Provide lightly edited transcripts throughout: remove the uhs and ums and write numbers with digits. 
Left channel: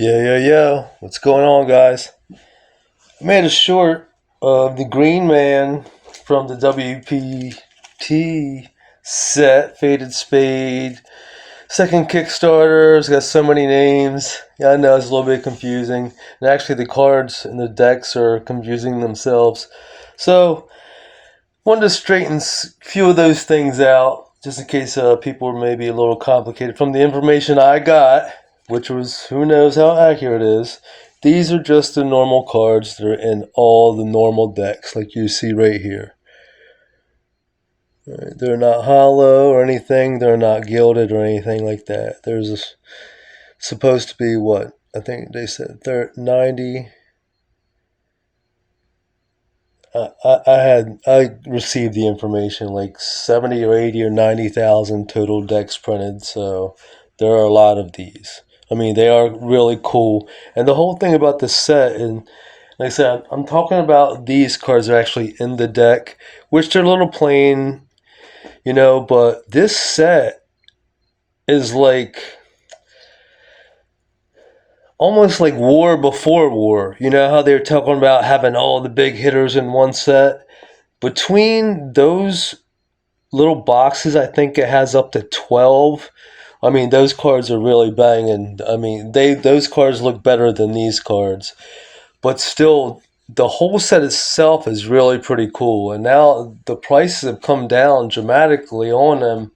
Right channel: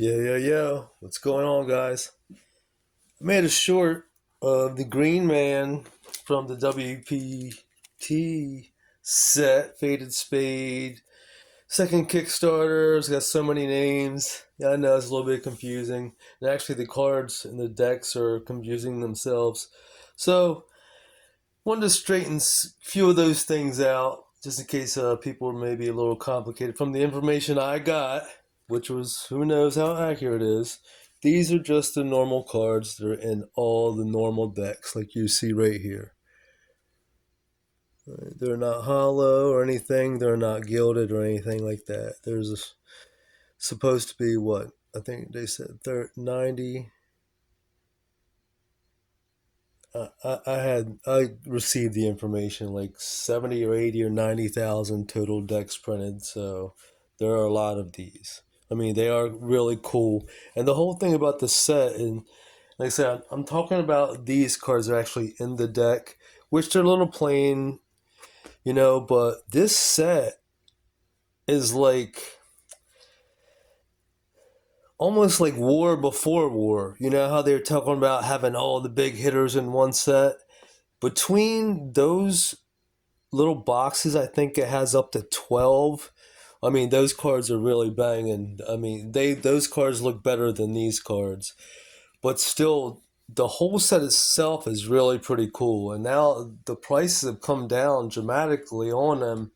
What's going on, guys? I made a short of the Green Man from the WPT set, Faded Spade. Second Kickstarter. It's got so many names. Yeah, I know it's a little bit confusing. And actually, the cards in the decks are confusing themselves. So, wanted to straighten a few of those things out, just in case people were maybe a little complicated. From the information I got, which was who knows how accurate it is, these are just the normal cards that are in all the normal decks, like you see right here. Right, they're not hollow or anything. They're not gilded or anything like that. Supposed to be what? I think they said 90. I received the information like 70 or 80 or 90,000 total decks printed, so there are a lot of these. I mean, they are really cool. And the whole thing about this set, and like I said, I'm talking about these cards are actually in the deck, which they're a little plain, but this set is like almost like War Before War. You know how they were talking about having all the big hitters in one set? Between those little boxes, I think it has up to 12. I mean, those cards are really banging. I mean, those cards look better than these cards. But still, the whole set itself is really pretty cool. And now the prices have come down dramatically on them.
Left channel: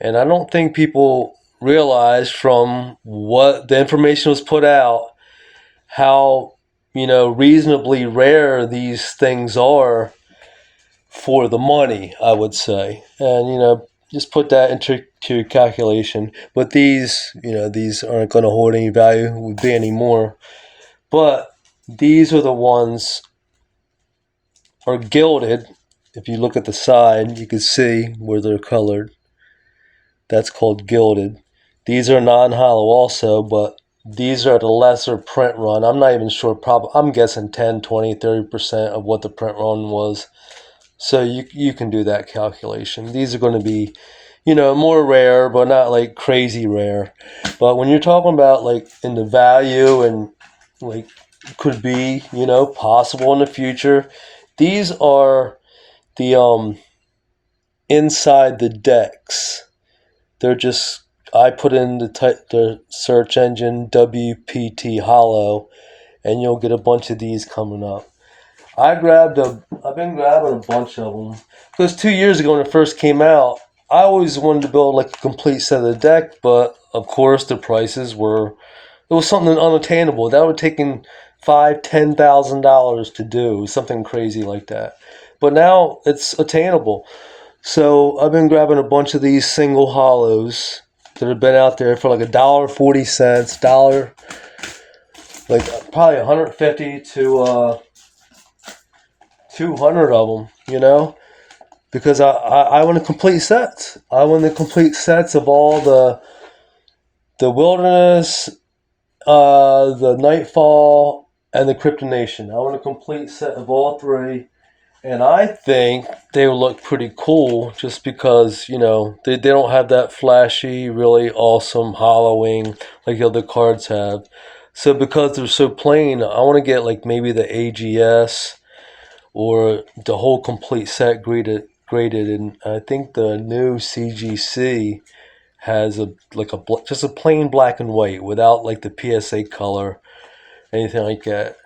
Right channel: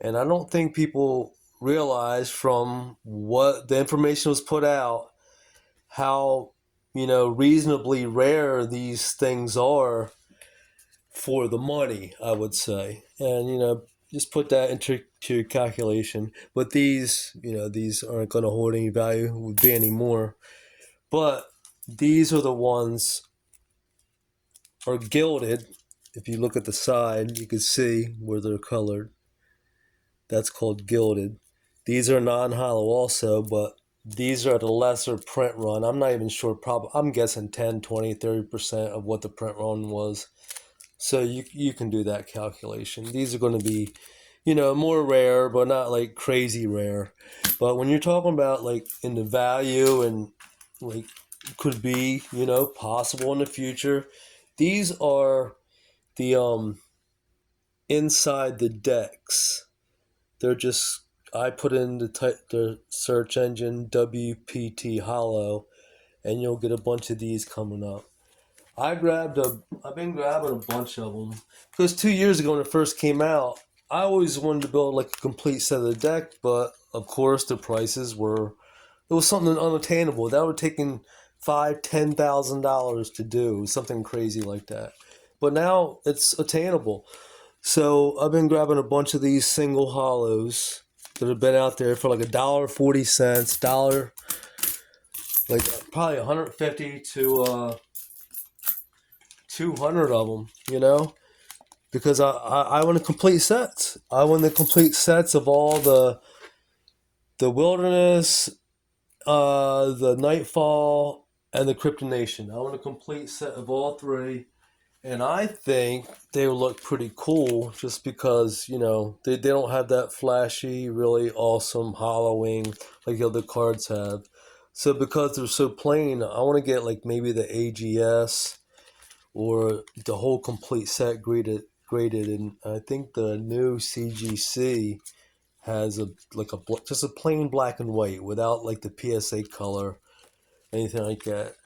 And I don't think people realize from what the information was put out how, reasonably rare these things are for the money, I would say. And, just put that into calculation. But these aren't going to hold any value, would be anymore. But these are the ones are gilded. If you look at the side, you can see where they're colored. That's called gilded. These are non-hollow also, but these are the lesser print run. I'm not even sure. I'm guessing 10, 20, 30% of what the print run was. So you can do that calculation. These are going to be, more rare, but not like crazy rare. But when you're talking about like in the value and like could be, possible in the future, these are the inside the decks. They're just I put in the search engine WPT Hollow, and you'll get a bunch of these coming up. I've been grabbing a bunch of them because 2 years ago when it first came out, I always wanted to build like a complete set of the deck, but of course the prices were it was something unattainable. That would have taken $5,000, $10,000 to do something crazy like that. But now it's attainable. So I've been grabbing a bunch of these single hollows that have been out there for like $1.40, like probably 150 to 200 of them, because I want a complete sets. I want the complete sets of all the wilderness, the nightfall, and the Kryptonation. I want a complete set of all three. And I think they will look pretty cool just because, they don't have that flashy, really awesome hollowing like the other cards have. So because they're so plain, I want to get like maybe the AGS or the whole complete set graded. And I think the new CGC has just a plain black and white without like the PSA color, anything like that.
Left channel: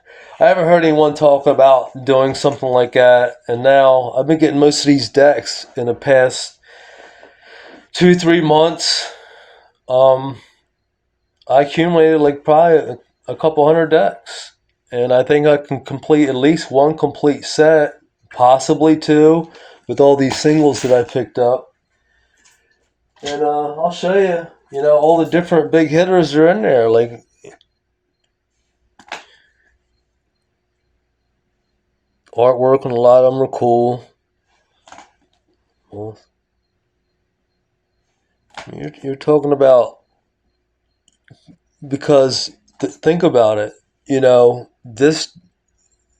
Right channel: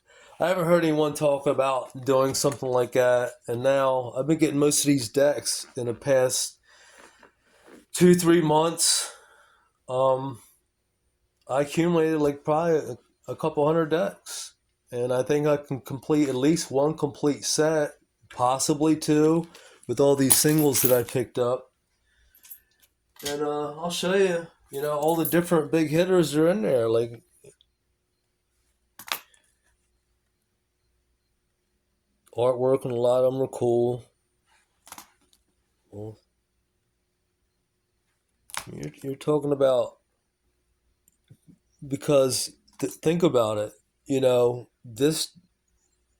I haven't heard anyone talk about doing something like that, and now I've been getting most of these decks in the past 2, 3 months. Um, I accumulated like probably a couple hundred decks, and I think I can complete at least one complete set, possibly two, with all these singles that I picked up. And I'll show you, all the different big hitters are in there. Like artwork and a lot of them are cool. Well, you're talking about because think about it. This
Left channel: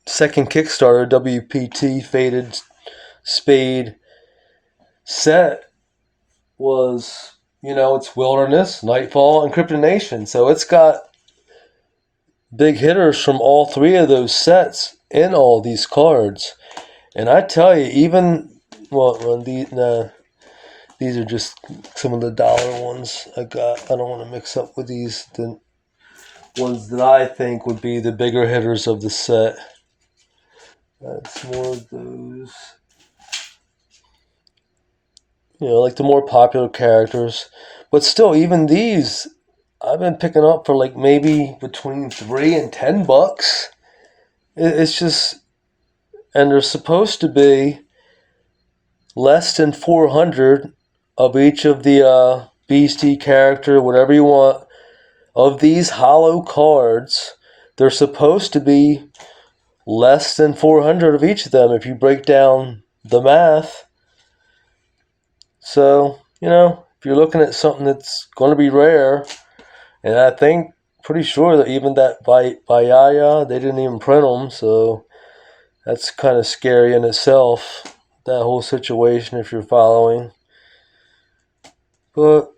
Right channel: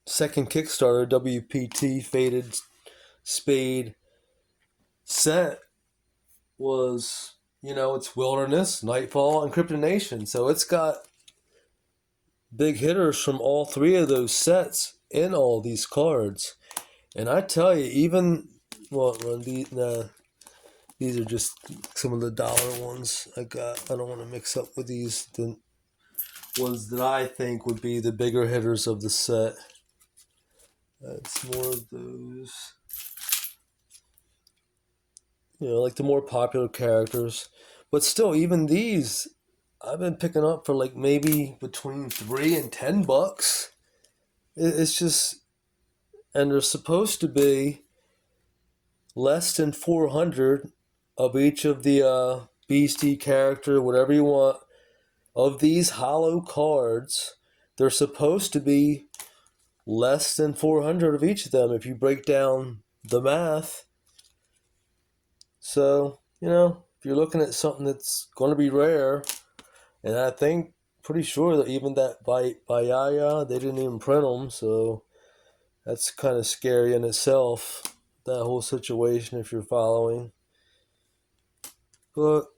second Kickstarter WPT Faded Spade set was, it's Wilderness, Nightfall, and Kryptonation. So it's got big hitters from all three of those sets in all these cards. And I tell you, even well, these are just some of the dollar ones I got. I don't want to mix up with these the ones that I think would be the bigger hitters of the set. That's more of those. Like the more popular characters. But still, even these, I've been picking up for like maybe between $3 and $10. It's just, and they're supposed to be less than 400 of each of the beastie character, whatever you want, of these hollow cards. They're supposed to be less than 400 of each of them if you break down the math. So, if you're looking at something that's going to be rare, and I think, pretty sure that even that by Yaya, they didn't even print them, so that's kind of scary in itself, that whole situation, if you're following. But,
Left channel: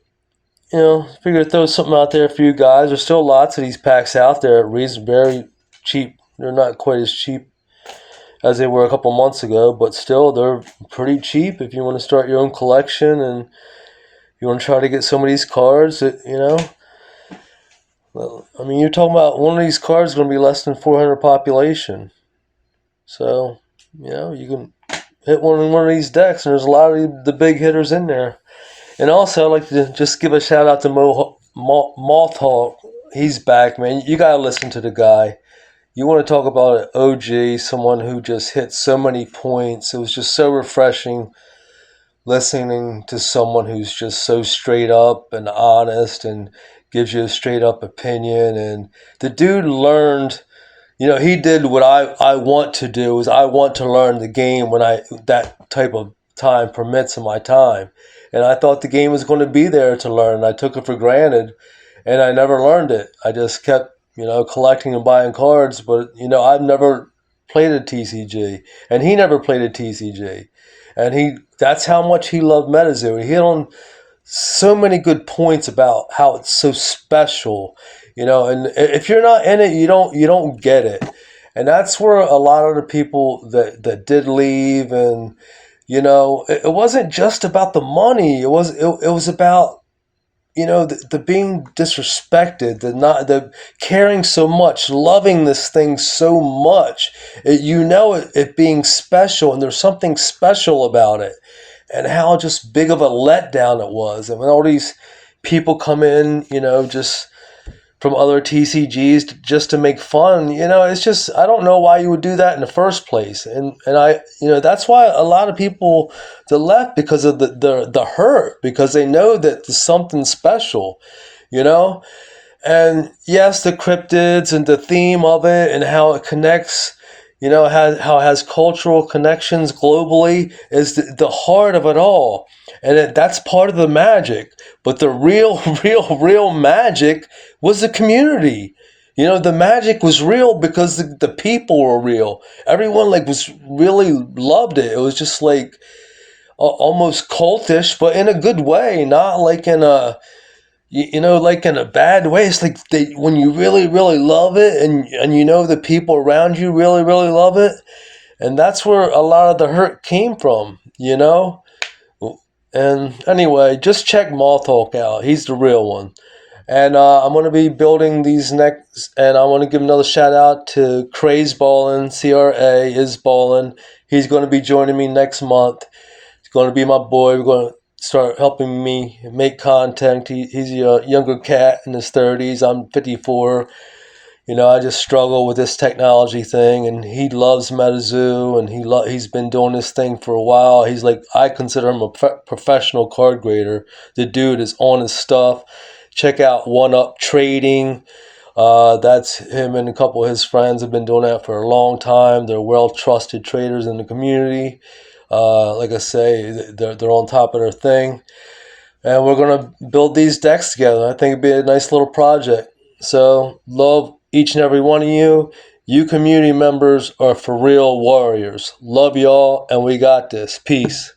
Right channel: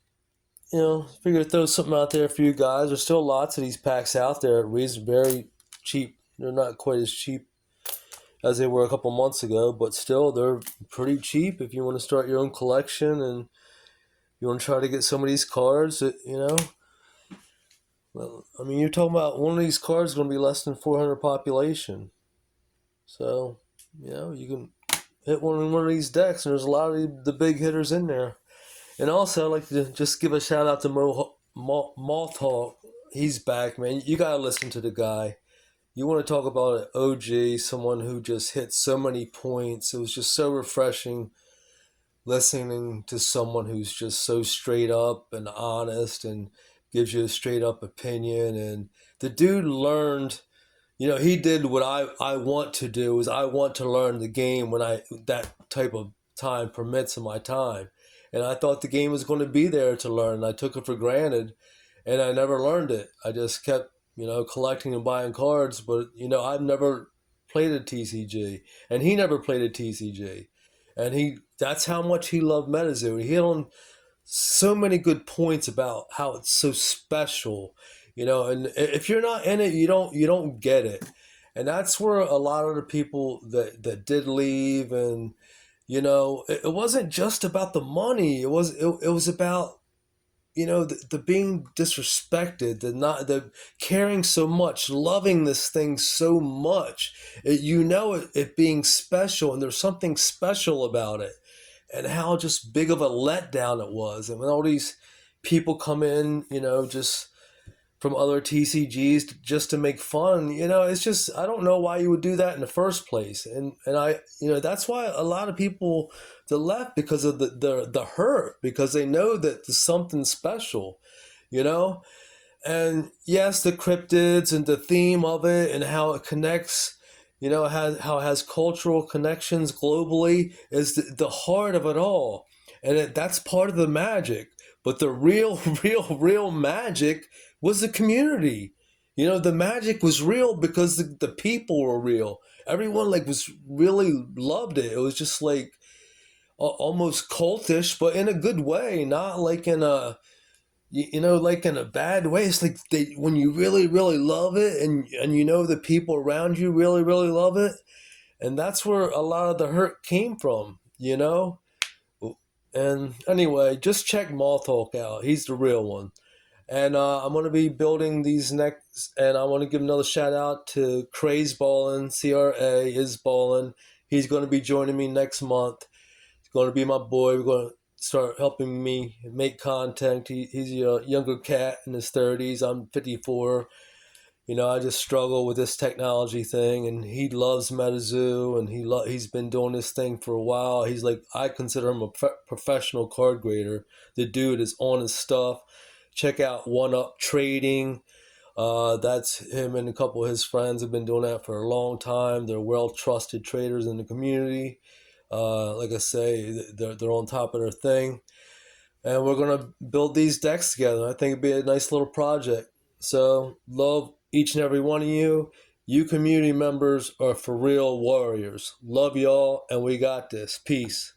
figure to throw something out there for you guys. There's still lots of these packs out there at very cheap. They're not quite as cheap as they were a couple months ago, but still, they're pretty cheap if you want to start your own collection and you want to try to get some of these cards that, Well, I mean, you're talking about one of these cards is going to be less than 400 population. So, you can hit one of these decks, and there's a lot of the big hitters in there. And also, I'd like to just give a shout out to Mothhawk. He's back, man. You got to listen to the guy. You want to talk about an OG, someone who just hit so many points. It was just so refreshing listening to someone who's just so straight up and honest and gives you a straight up opinion. And the dude learned, he did what I want to do, is I want to learn the game when that type of time permits in my time. And I thought the game was going to be there to learn. I took it for granted and I never learned it. I just kept, collecting and buying cards, but I've never played a TCG and he never played a TCG. And that's how much he loved MetaZoo. He hit on so many good points about how it's so special, and if you're not in it, you don't get it. And that's where a lot of the people that did leave, and it wasn't just about the money. It was about the being disrespected, the caring so much, loving this thing so much, it being special, and there's something special about it, and how just big of a letdown it was. And when all these people come in, just from other TCGs just to make fun, it's just, I don't know why you would do that in the first place. And I, that's why a lot of people that left, because of the hurt, because they know that there's something special, And yes, the cryptids and the theme of it and how it connects, how it has cultural connections globally is the heart of it all. And that's part of the magic. But the real, real magic was the community. The magic was real because the people were real. Everyone was really loved it. It was just almost cultish, but in a good way, not like in a like in a bad way. It's like when you really, really love it, and the people around you really, really love it, and that's where a lot of the hurt came from. And anyway, just check Mothhawk out. He's the real one. And I'm going to be building these next, and I want to give another shout out to Craze Ballin, CRA is Ballin. He's going to be joining me next month. He's going to be my boy. We're going to start helping me make content. He's a younger cat in his 30s. I'm 54. I just struggle with this technology thing, and he loves MetaZoo, and he's been doing this thing for a while. He's I consider him a professional card grader. The dude is on his stuff. Check out One Up Trading. That's him and a couple of his friends have been doing that for a long time. They're well-trusted traders in the community. Like I say, they're on top of their thing. And we're going to build these decks together. I think it'd be a nice little project. So, love each and every one of you. You community members are for real warriors. Love y'all, and we got this. Peace.